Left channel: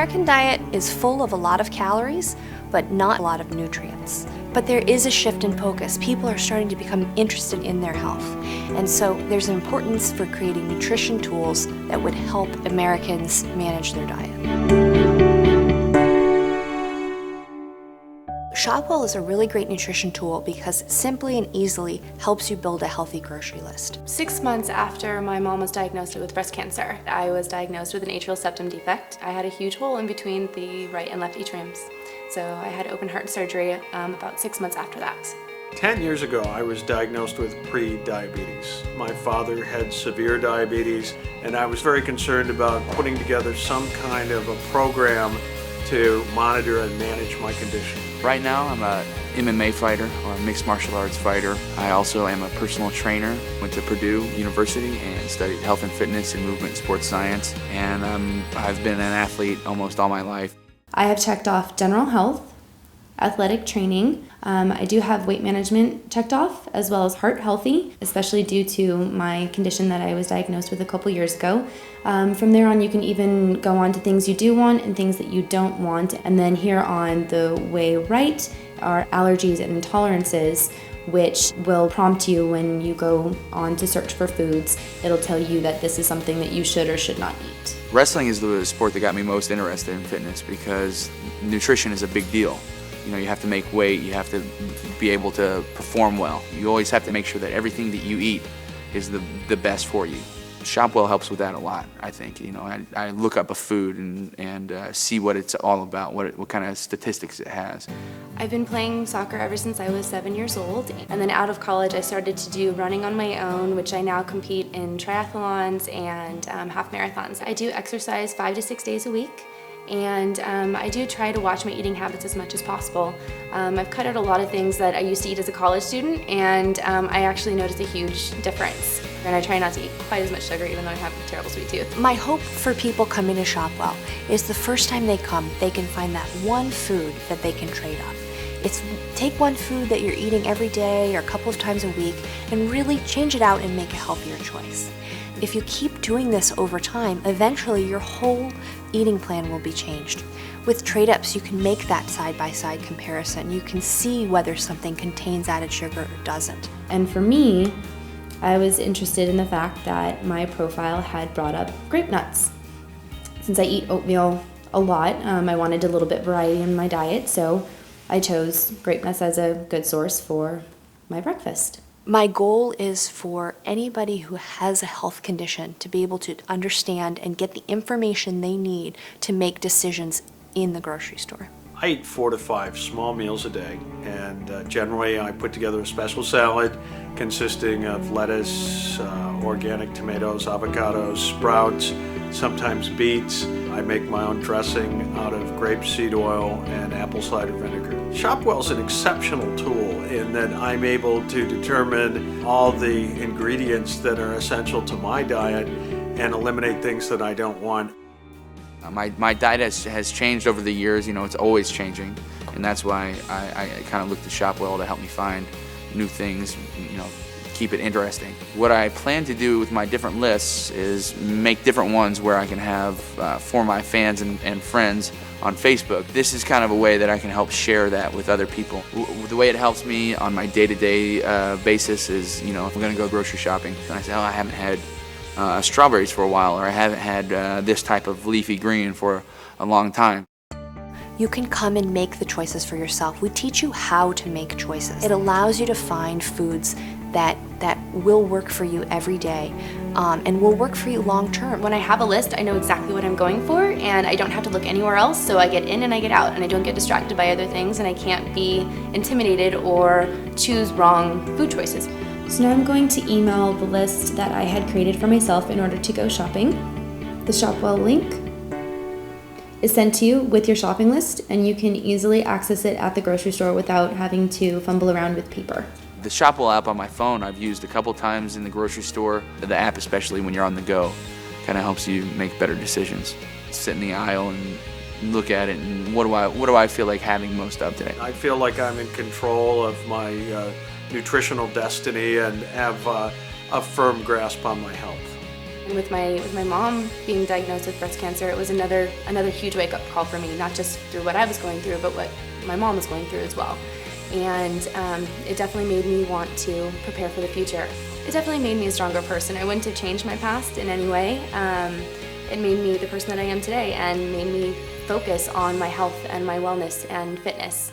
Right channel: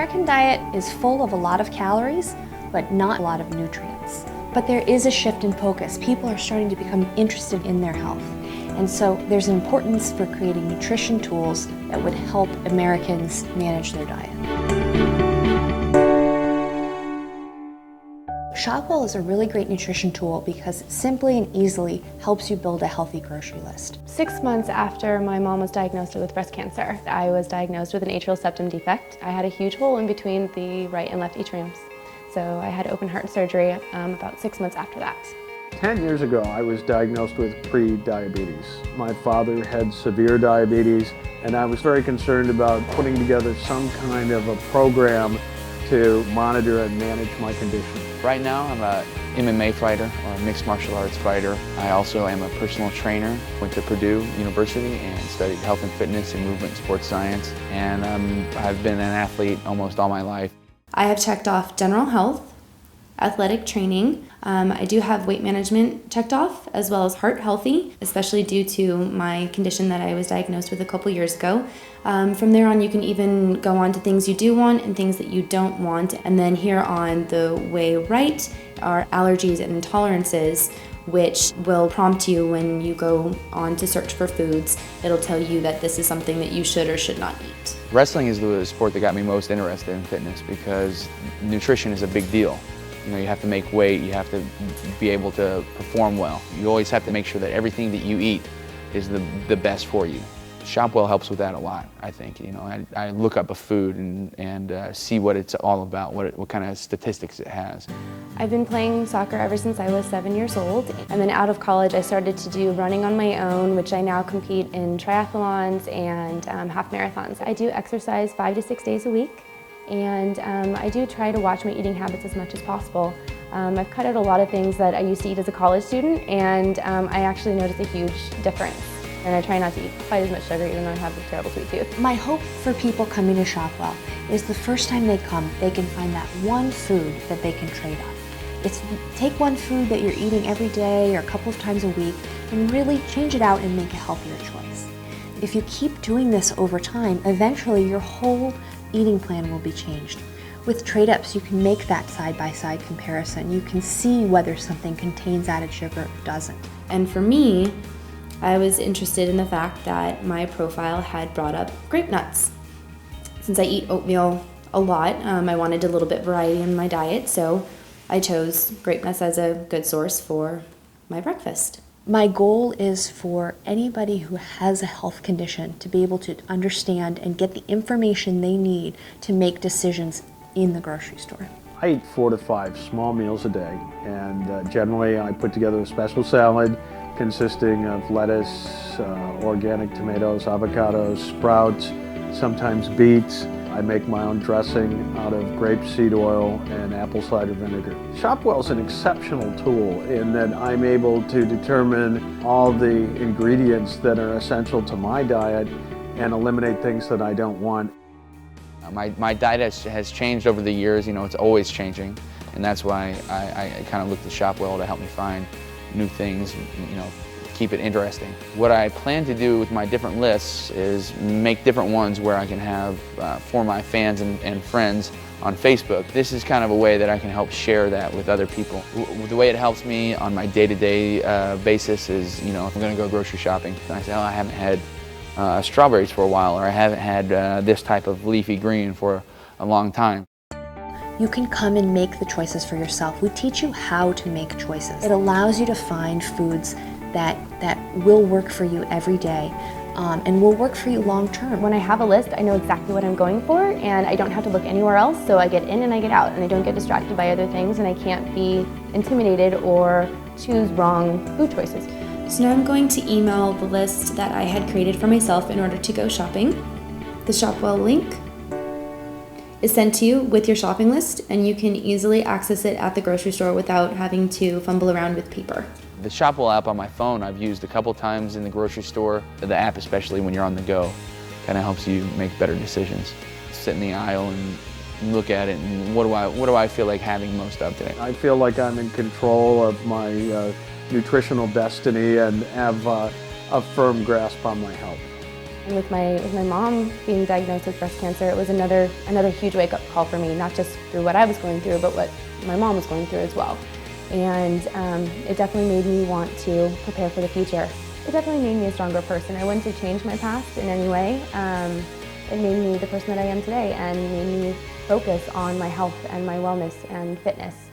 American diet is full of a lot of calories, but not a lot of nutrients. But there is a shift in focus. People are starting to become interested in their health. And so there's an importance for creating nutrition tools that would help Americans manage their diet. ShopWell is a really great nutrition tool because it simply and easily helps you build a healthy grocery list. 6 months after my mom was diagnosed with breast cancer, I was diagnosed with an atrial septum defect. I had a huge hole in between the right and left atriums. So I had open heart surgery about 6 months after that. 10 years ago, I was diagnosed with pre-diabetes. My father had severe diabetes, and I was very concerned about putting together some kind of a program to monitor and manage my condition. Right now, I'm a MMA fighter or a mixed martial arts fighter. I also am a personal trainer. Went to Purdue University and studied health and fitness and movement and sports science. And I've been an athlete almost all my life. I have checked off general health, athletic training. I do have weight management checked off, as well as heart healthy, especially due to my condition that I was diagnosed with a couple years ago. From there on, you can even go on to things you do want and things that you don't want. And then here on the way right are allergies and intolerances, which will prompt you when you go on to search for foods. It'll tell you that this is something that you should or should not eat. Wrestling is the sport that got me most interested in fitness because nutrition is a big deal. You know, you have to make weight, you have to be able to perform well. You always have to make sure that everything that you eat is the best for you. ShopWell helps with that a lot, I think. You know, I look up a food and see what it's all about, what kind of statistics it has. I've been playing soccer ever since I was 7 years old. And then out of college, I started to do running on my own, which I now compete in triathlons and half marathons. I do exercise 5 to 6 days a week. And I do try to watch my eating habits as much as possible. I've cut out a lot of things that I used to eat as a college student, and I actually noticed a huge difference. And I try not to eat quite as much sugar, even though I have a terrible sweet tooth. My hope for people coming to ShopWell is the first time they come, they can find that one food that they can trade up. It's take one food that you're eating every day or a couple of times a week and really change it out and make a healthier choice. If you keep doing this over time, eventually your whole eating plan will be changed. With trade-ups, you can make that side-by-side comparison. You can see whether something contains added sugar or doesn't. And for me, I was interested in the fact that my profile had brought up grape nuts. Since I eat oatmeal a lot, I wanted a little bit variety in my diet, so I chose grape nuts as a good source for my breakfast. My goal is for anybody who has a health condition to be able to understand and get the information they need to make decisions in the grocery store. I eat 4 to 5 small meals a day, and generally I put together a special salad consisting of lettuce, organic tomatoes, avocados, sprouts, sometimes beets. I make my own dressing out of grapeseed oil and apple cider vinegar. ShopWell is an exceptional tool in that I'm able to determine all the ingredients that are essential to my diet and eliminate things that I don't want. My diet has changed over the years. You know, it's always changing, and that's why I kind of look to ShopWell to help me find new things, you know, keep it interesting. What I plan to do with my different lists is make different ones where I can have for my fans and friends on Facebook. This is kind of a way that I can help share that with other people. The way it helps me on my day-to-day basis is, you know, if I'm gonna go grocery shopping, and I say, oh, I haven't had strawberries for a while, or I haven't had this type of leafy green for a long time. You can come and make the choices for yourself. We teach you how to make choices. It allows you to find foods that will work for you every day and will work for you long term. When I have a list, I know exactly what I'm going for, and I don't have to look anywhere else, so I get in and I get out, and I don't get distracted by other things, and I can't be intimidated or choose wrong food choices. So now I'm going to email the list that I had created for myself in order to go shopping. The ShopWell link is sent to you with your shopping list, and you can easily access it at the grocery store without having to fumble around with paper. The ShopWell app on my phone I've used a couple times in the grocery store. The app, especially when you're on the go, kind of helps you make better decisions. Sit in the aisle and look at it, and what do I feel like having most of today? I feel like I'm in control of my nutritional destiny and have a firm grasp on my health. And with my mom being diagnosed with breast cancer, it was another huge wake-up call for me, not just through what I was going through, but what my mom was going through as well. And it definitely made me want to prepare for the future. It definitely made me a stronger person. I wouldn't have changed my past in any way. It made me the person that I am today and made me focus on my health and my wellness and fitness.